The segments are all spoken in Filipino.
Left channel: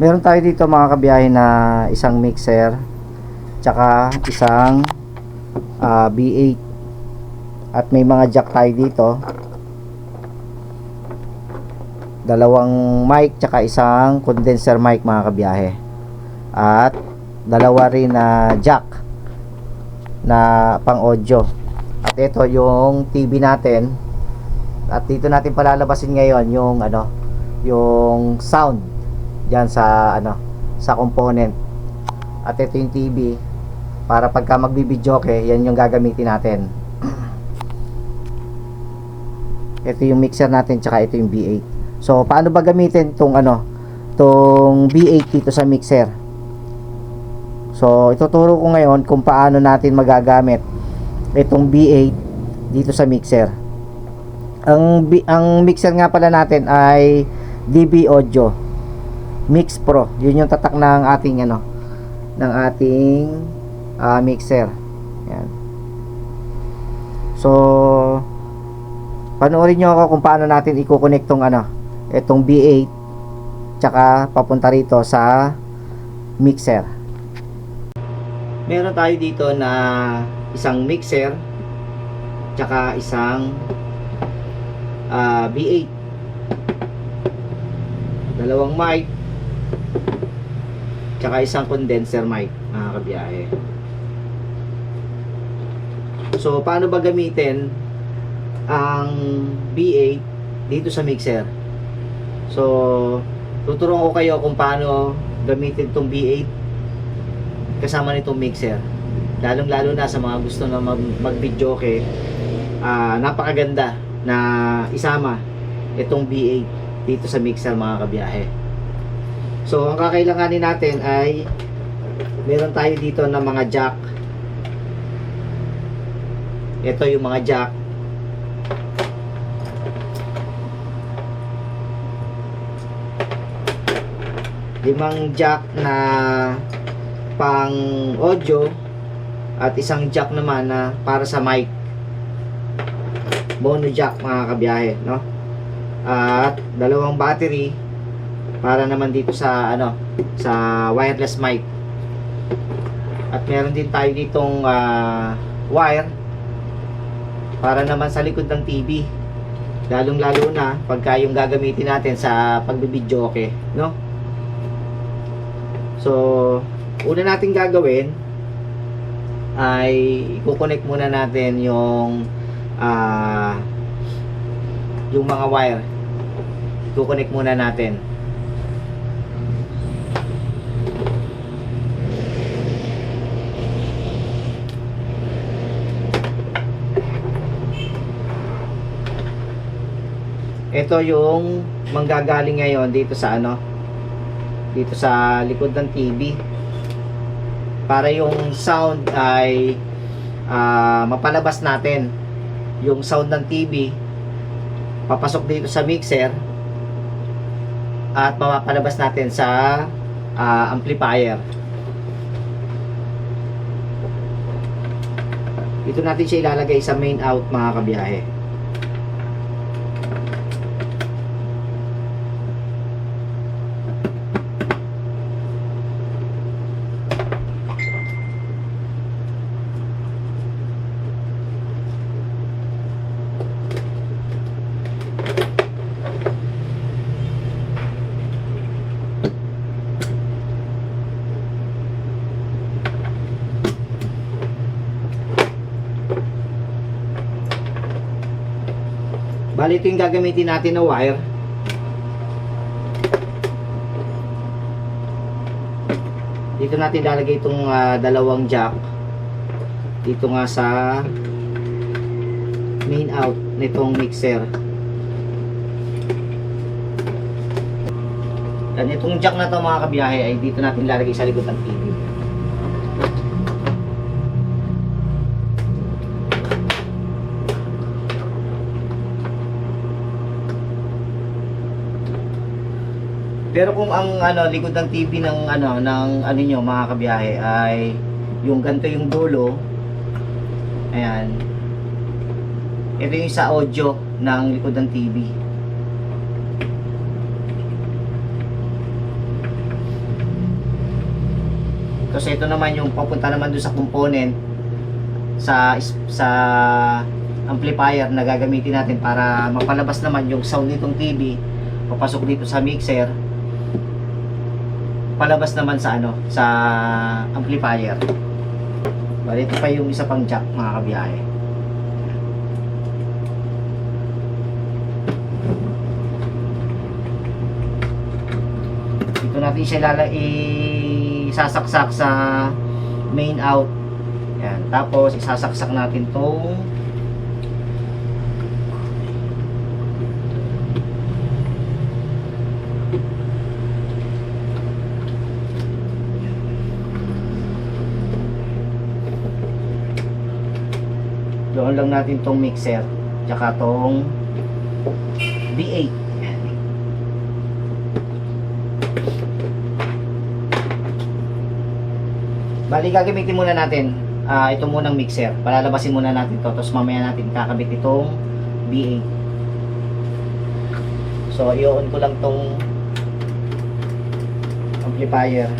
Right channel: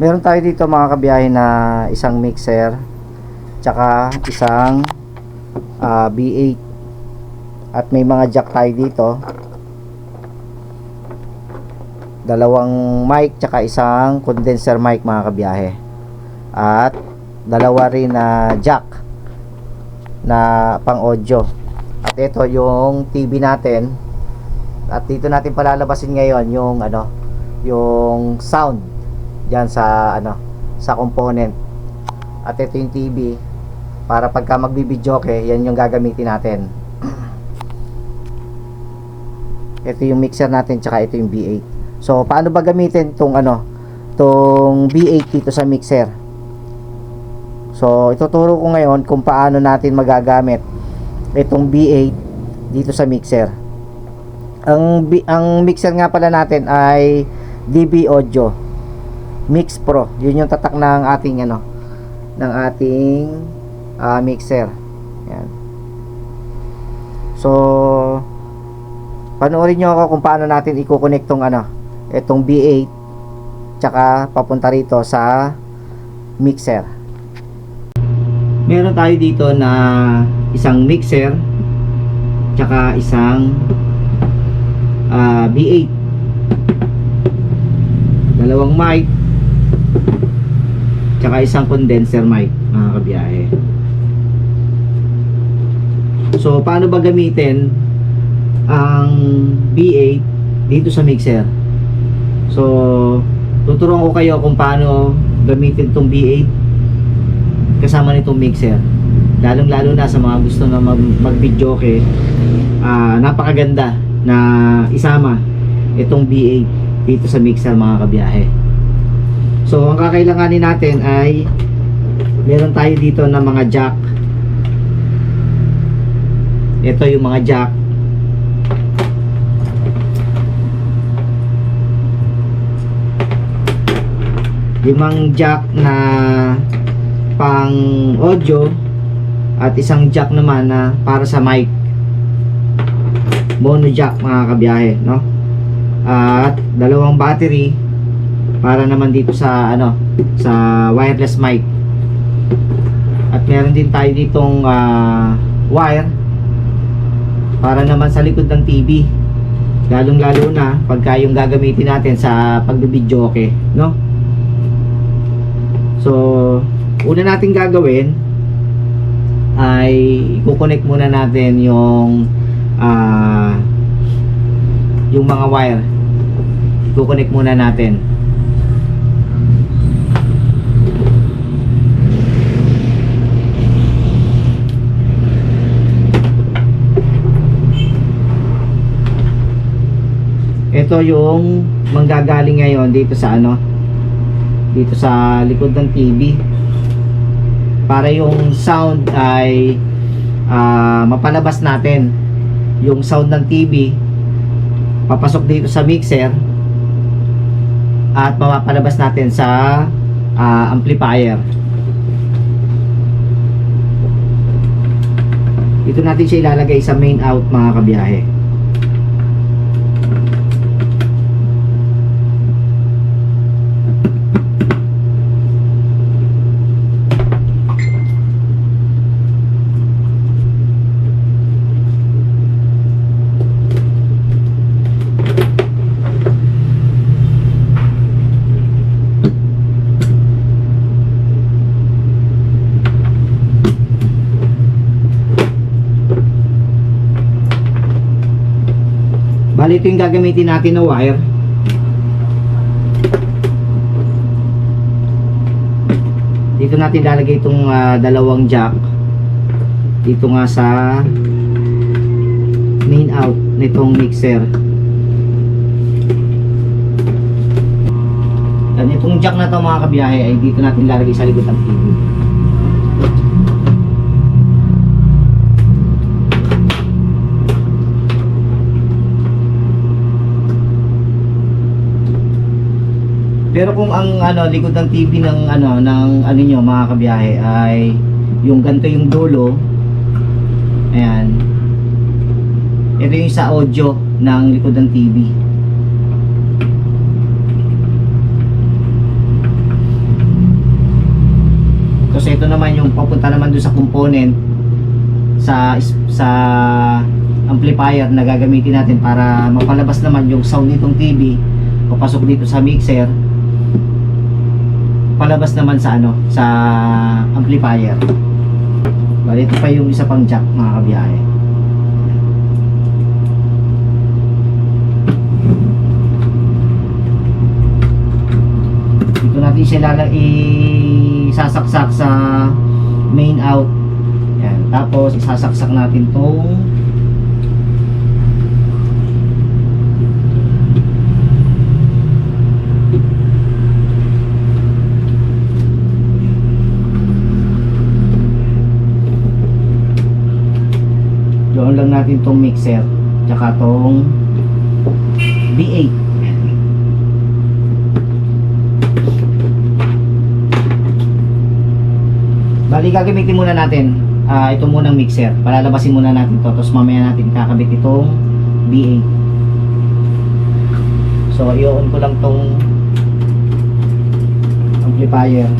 Meron tayo dito mga kabiyahe na isang mixer tsaka isang B8 at may mga jack tayo dito, dalawang mic tsaka isang condenser mic mga kabiyahe, at dalawa rin na jack na pang audio. At ito yung TV natin, at dito natin palalabasin ngayon yung yung sound diyan sa sa component. At ito yung TV para pagka magbibidyoke, yan yung gagamitin natin. Ito yung mixer natin tsaka ito yung B8. So paano ba gamitin tong tong B8 dito sa mixer? So ituturo ko ngayon kung paano natin magagamit itong B8 dito sa mixer. Ang mixer nga pala natin ay DB Audio Mix Pro. Yun yung tatak ng ating mixer. Yan. So panoorin nyo ako kung paano natin i-connect tong itong B8 tsaka papunta rito sa mixer. Meron tayo dito na isang mixer tsaka isang B8, dalawang mic tsaka isang condenser mic mga kabiyahe. So paano ba gamitin ang B8 dito sa mixer? So tuturuan ko kayo kung paano gamitin itong B8 kasama nitong mixer, lalong lalo na sa mga gusto na mag-videoke. Napakaganda na isama itong B8 dito sa mixer mga kabiyahe. So ang kakailanganin natin ay meron tayo dito na mga jack. Ito yung mga jack. Limang jack na pang audio at isang jack naman na para sa mic, mono jack mga kabiyahe, no? At dalawang battery para naman dito sa sa wireless mic. At meron din tayo ditong wire para naman sa likod ng TV, lalong lalo na pagka yung gagamitin natin sa pagbibidyoke, no? So una natin gagawin ay i-connect muna natin yung mga wire. I-connect muna natin. Ito yung manggagaling ngayon dito sa dito sa likod ng TV, para yung sound ay mapalabas natin. Yung sound ng TV papasok dito sa mixer at mapapalabas natin sa amplifier. Dito natin siya ilalagay sa main out mga kabiyahe. Bali ito yung gagamitin natin na wire. Dito natin lalagay itong dalawang jack dito nga sa main out nitong mixer. Dan itong jack na to mga kabiyahe ay dito natin lalagay sa likod ng TV. Pero kung ang likod ng TV ng niyo mga kabiyahe ay yung ganito yung dulo, ayan, ito yung sa audio ng likod ng TV. ito naman yung papunta naman doon sa component sa amplifier na gagamitin natin para mapalabas naman yung sound nitong TV papasok dito sa mixer, palabas naman sa sa amplifier. Bali, ito pa yung isa pang jack, mga kabiyahe. Dito natin siya isasaksak sa main out. Yan. Tapos isasaksak natin tong doon lang natin tong mixer tsaka tong V8. Bali, gagamitin muna natin ito munang mixer. Palalabasin muna natin to, tapos mamaya natin kakabit itong V8. So i-on ko lang tong amplifier.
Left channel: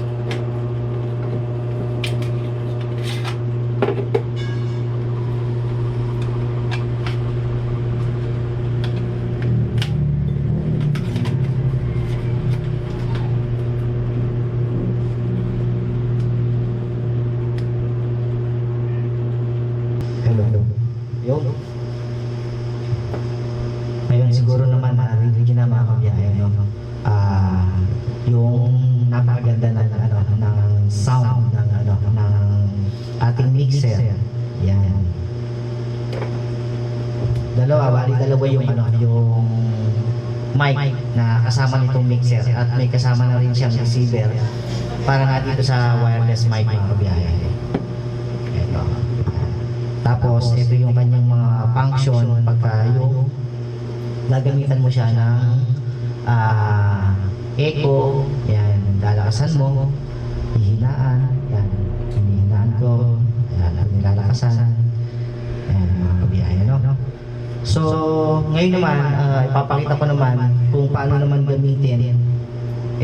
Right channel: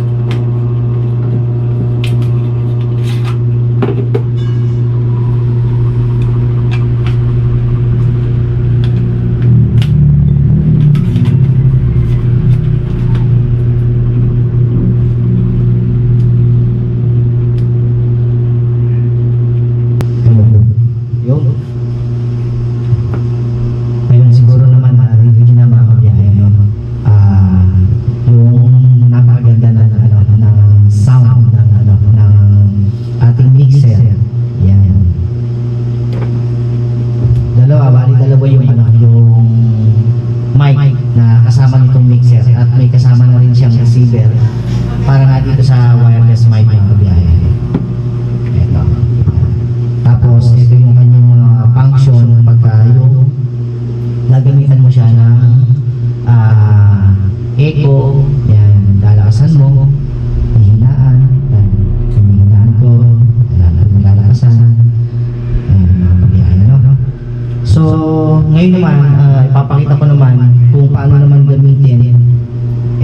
Ipapakita ko naman kung paano naman gamitin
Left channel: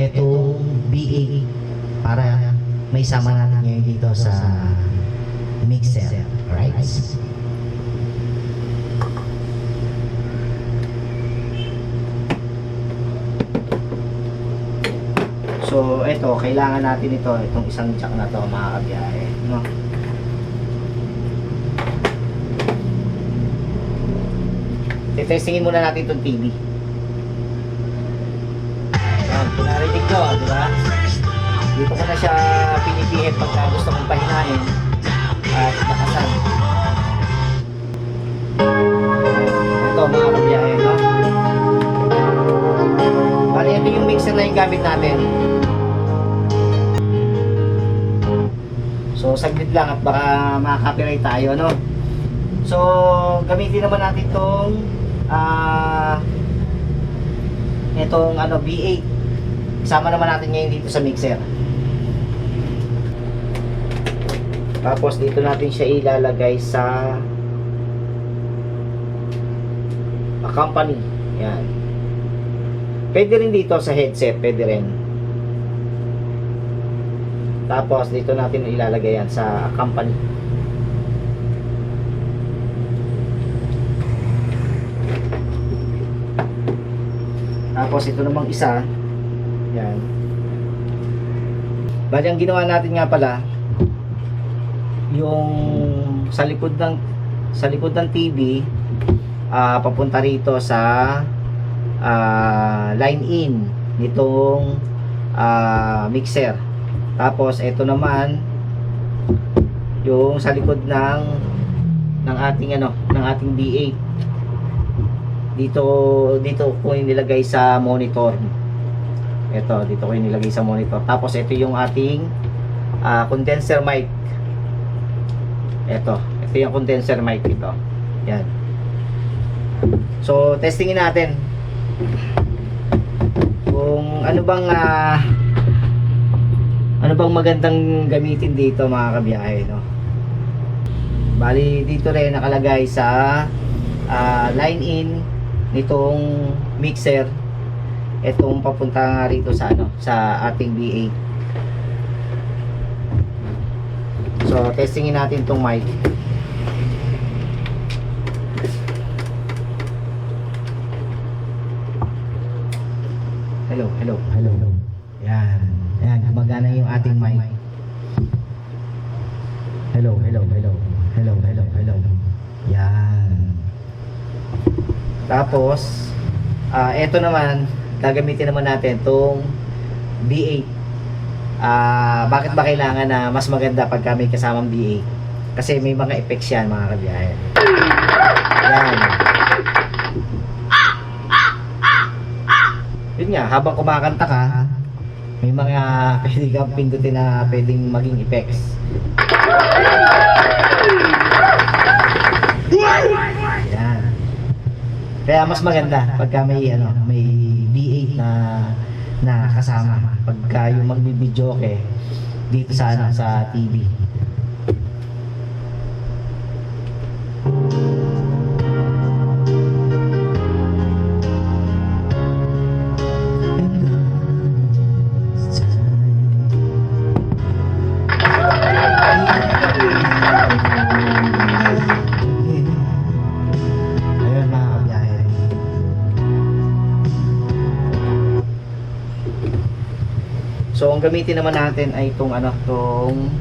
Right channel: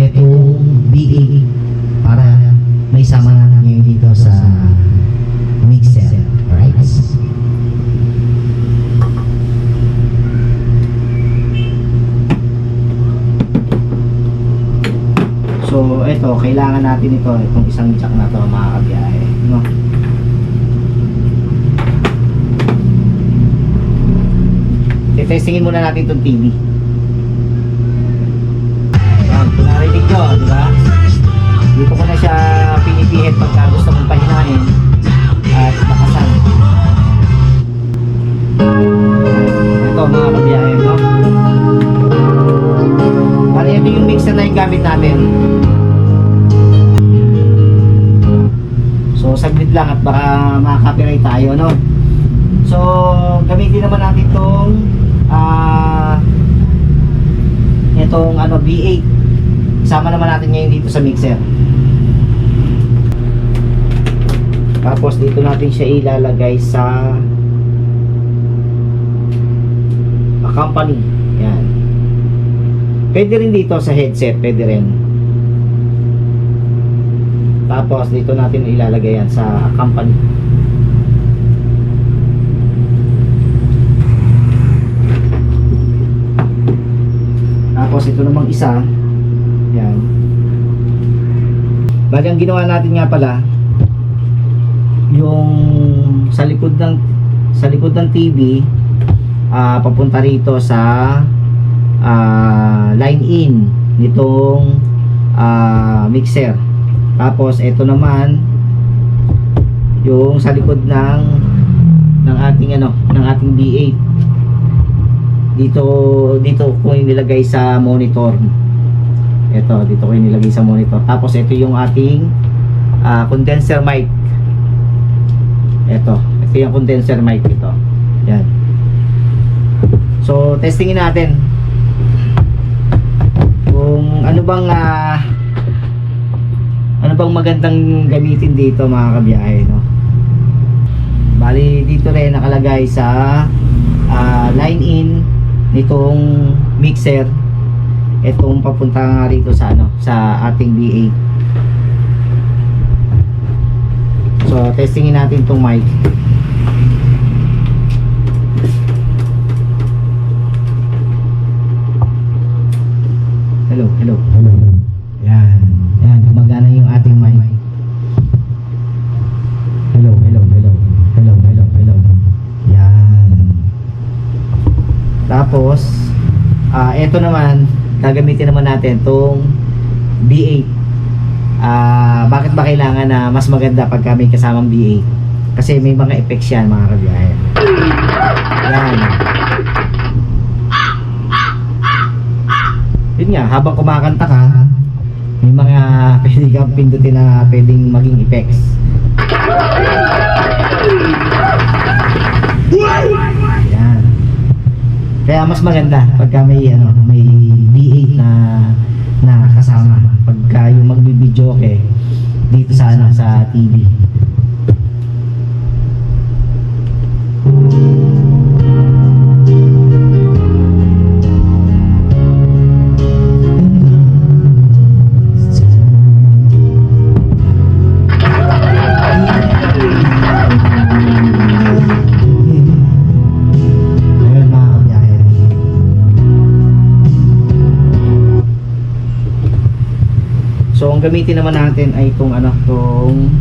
itong V8 para may sama natin ngayon dito sa mixer. Alright? So ito, kailangan natin itong isang jack na to, mga kabiyahe, no? Testingin muna natin itong TV. Narinig nyo, di ba? Dito ko na siya pinipihit pagka gusto kong pahinahin at nakasan. Ito, mga kabiyahe, no? Bali, ito yung mixer na yung gamit natin. So saglit lang at baka makaka-copyright tayo, no? So gamitin naman natin itong itong V8. Isama naman natin ngayon dito sa mixer. Tapos dito natin siya ilalagay sa accompany. Yan. Pwede rin dito sa headset, pwede rin. Tapos dito natin ilalagay yan sa accompany. Tapos ito namang isa, yan. Bali, ang ginawa natin nga pala, yung sa likod ng TV, papunta rito sa line in nitong mixer. Tapos ito naman yung sa likod ng ating ng ating V8. Dito ko nilagay sa monitor. Dito ko nilagay sa monitor. Tapos ito yung ating condenser mic. Ito yung condenser mic ito. Yan. So testingin natin kung ano bang magandang gamitin dito, mga kabiyahe, no? Bali dito rin nakalagay sa line in nitong mixer, itong papunta nga rito sa sa ating V8. testingin natin itong mic. Hello, hello, hello. Yan. Yan, gumagana yung ating mic. Hello, hello, hello. Hello, hello, hello. Yan. Tapos, eto naman, gagamitin naman natin itong B8. Bakit ba kailangan na mas maganda pag may kasamang B8? Kasi may mga effects yan, mga kabiyahe. Yan. Yun nga, habang kumakanta ka, may mga pwede kang pindutin na pwedeng maging effects. Yan. Kaya mas maganda pagka may may B8 na kasama pagka yung magbibidyo dito sa sa TV. So ang gamitin naman natin ay itong itong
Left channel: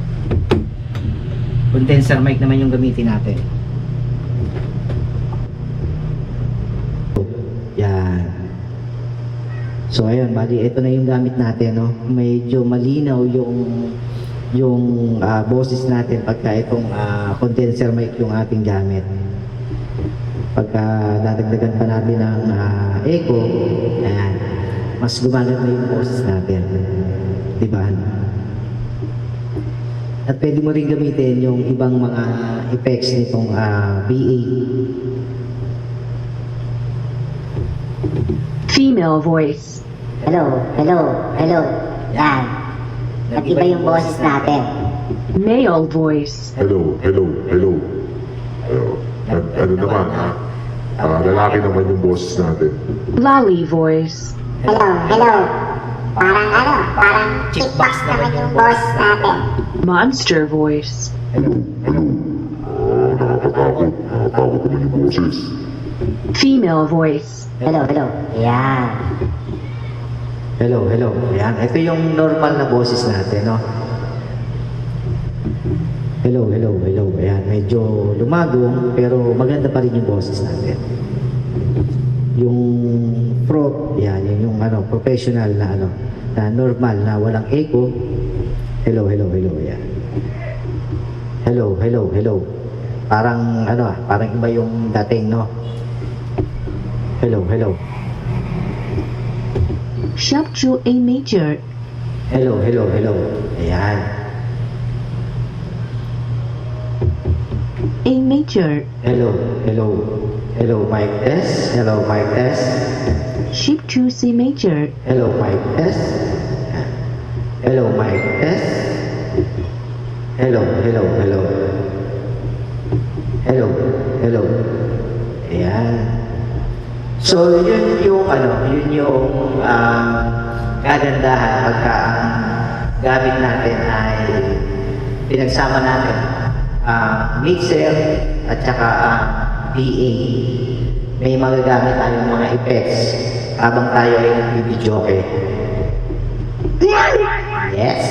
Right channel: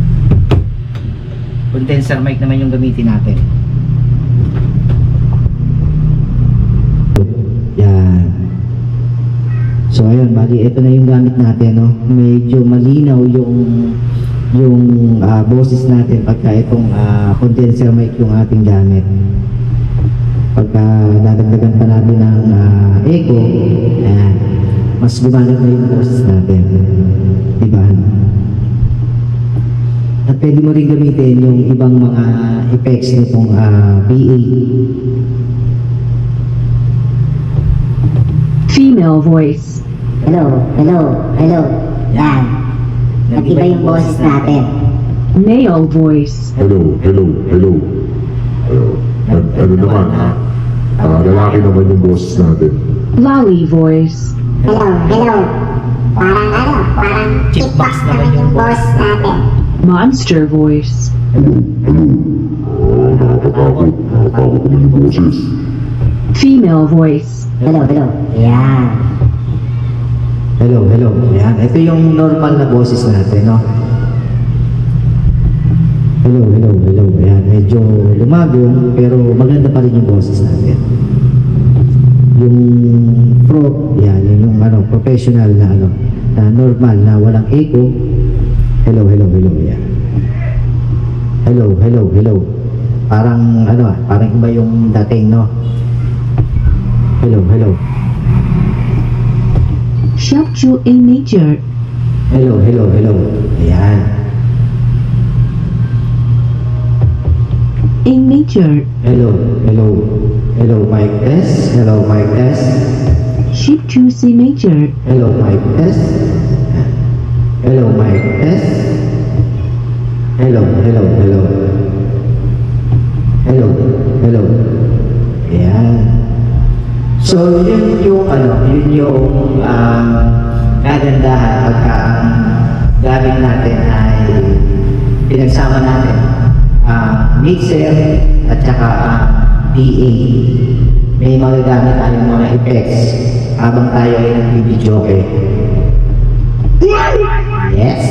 condenser mic naman yung gamitin natin. Yan. So ayun, bali ito na yung gamit natin, no. Medyo malinaw yung boses natin pagka itong condenser mic yung ating gamit. Pagka dadagdagan pa natin ng echo, ayan, mas gumaganda yung boses natin. Diba? At pwede mo rin gamitin yung ibang mga effects nitong B8. Female voice. Hello, hello, hello. Yan. Nag-iba yung boses natin. Male voice. Hello, hello, hello. Ano naman, lalaki naman yung boses natin. Lolly voice. Hello, hello. Parang kickbox naman yung boss natin. Monster voice. Hello, hello. Nakakatakot. Nakakatakot naman yung boses. Female voice. Hello, hello. Yan. Hello, hello. Ayan, ito yung normal na boses natin, no? Hello, hello, hello. Ayan, medyo lumagong pero maganda pa rin yung boses natin. Yung yan, yung professional na na normal na walang echo. Hello, hello, hello. Yan. Hello, hello, hello. Parang parang iba yung dating, no? Hello, hello. Sharp to A major. Hello, hello, hello. Ayan. A major. Hello, hello. Hello, mic test. Hello, mic test. Shift to C major. Hello, mic test. Hello, mic test. Hello, hello, hello. Hello, hello. Ayan. So, yun yung kagandahan pagka ang gamit natin ay pinagsama natin mixer at saka PA. May magagamit tayong mga effects habang tayo ay nagbibidyo. Yes.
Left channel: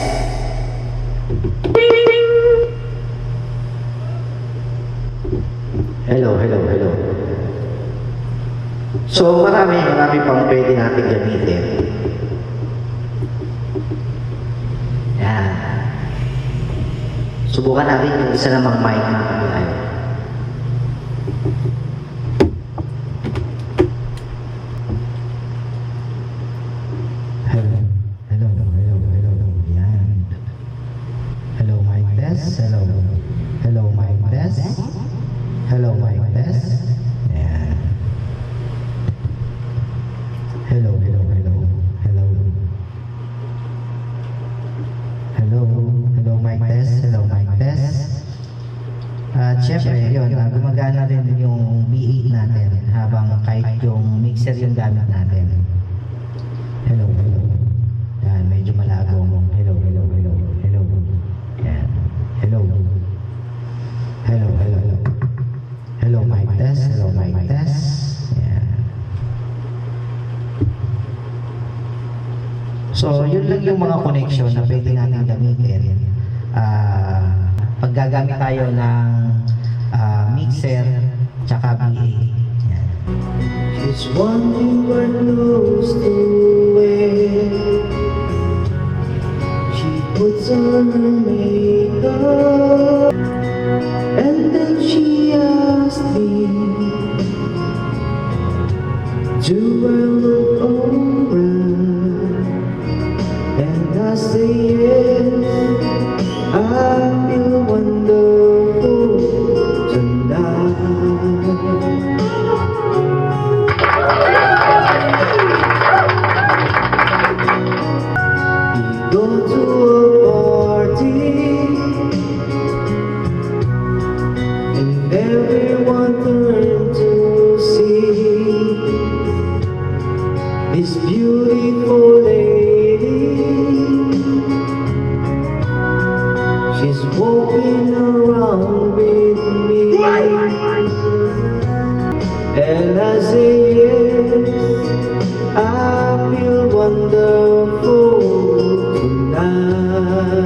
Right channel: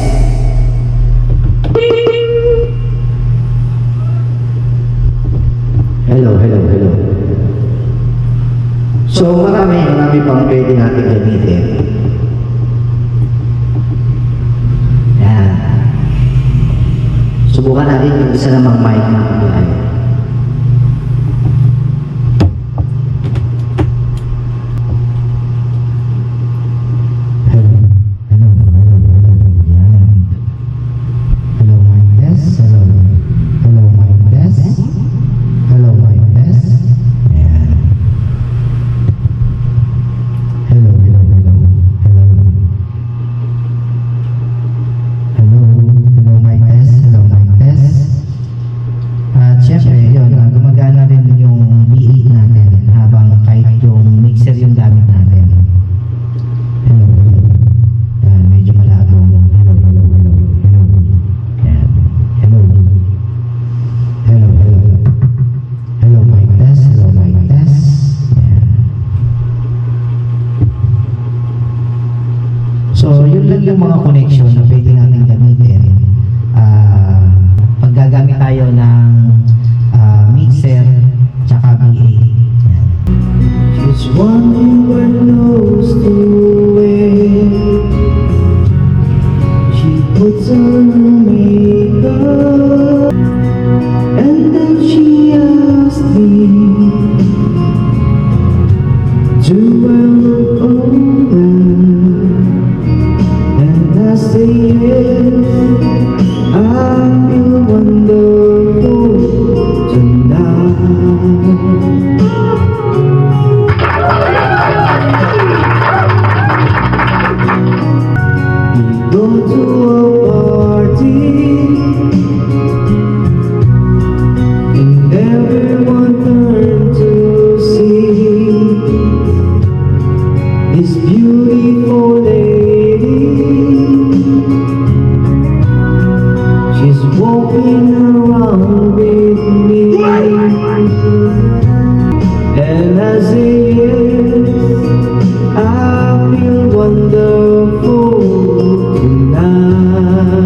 Hello, hello, hello. So marami pang pwede natin gamitin. Yan. Subukan natin yung isa namang mic na yan. So, yun lang yung mga connection na pwede natin gamitin. Pag gagamit tayo ng mixer tsaka VA. Yan. She's wondering where close to wear. She puts on her makeup and then she asks me, do I look alright? And I say yes, I feel wonderful tonight. We go to a party and everyone turned to see this beautiful lady. She's walking around with me, and I say yes, I feel wonderful tonight.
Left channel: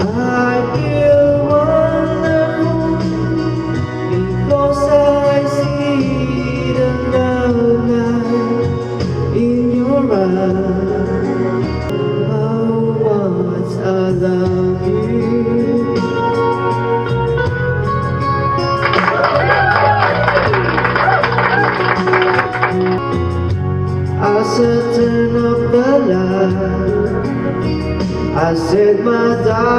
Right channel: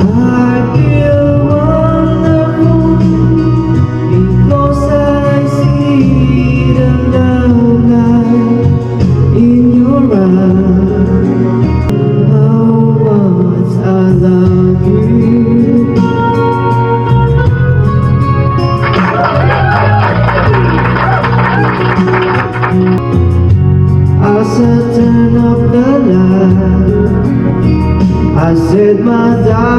I feel wonderful because I see the love in your eyes. How much I love you. I said turn up the light. I said my darling,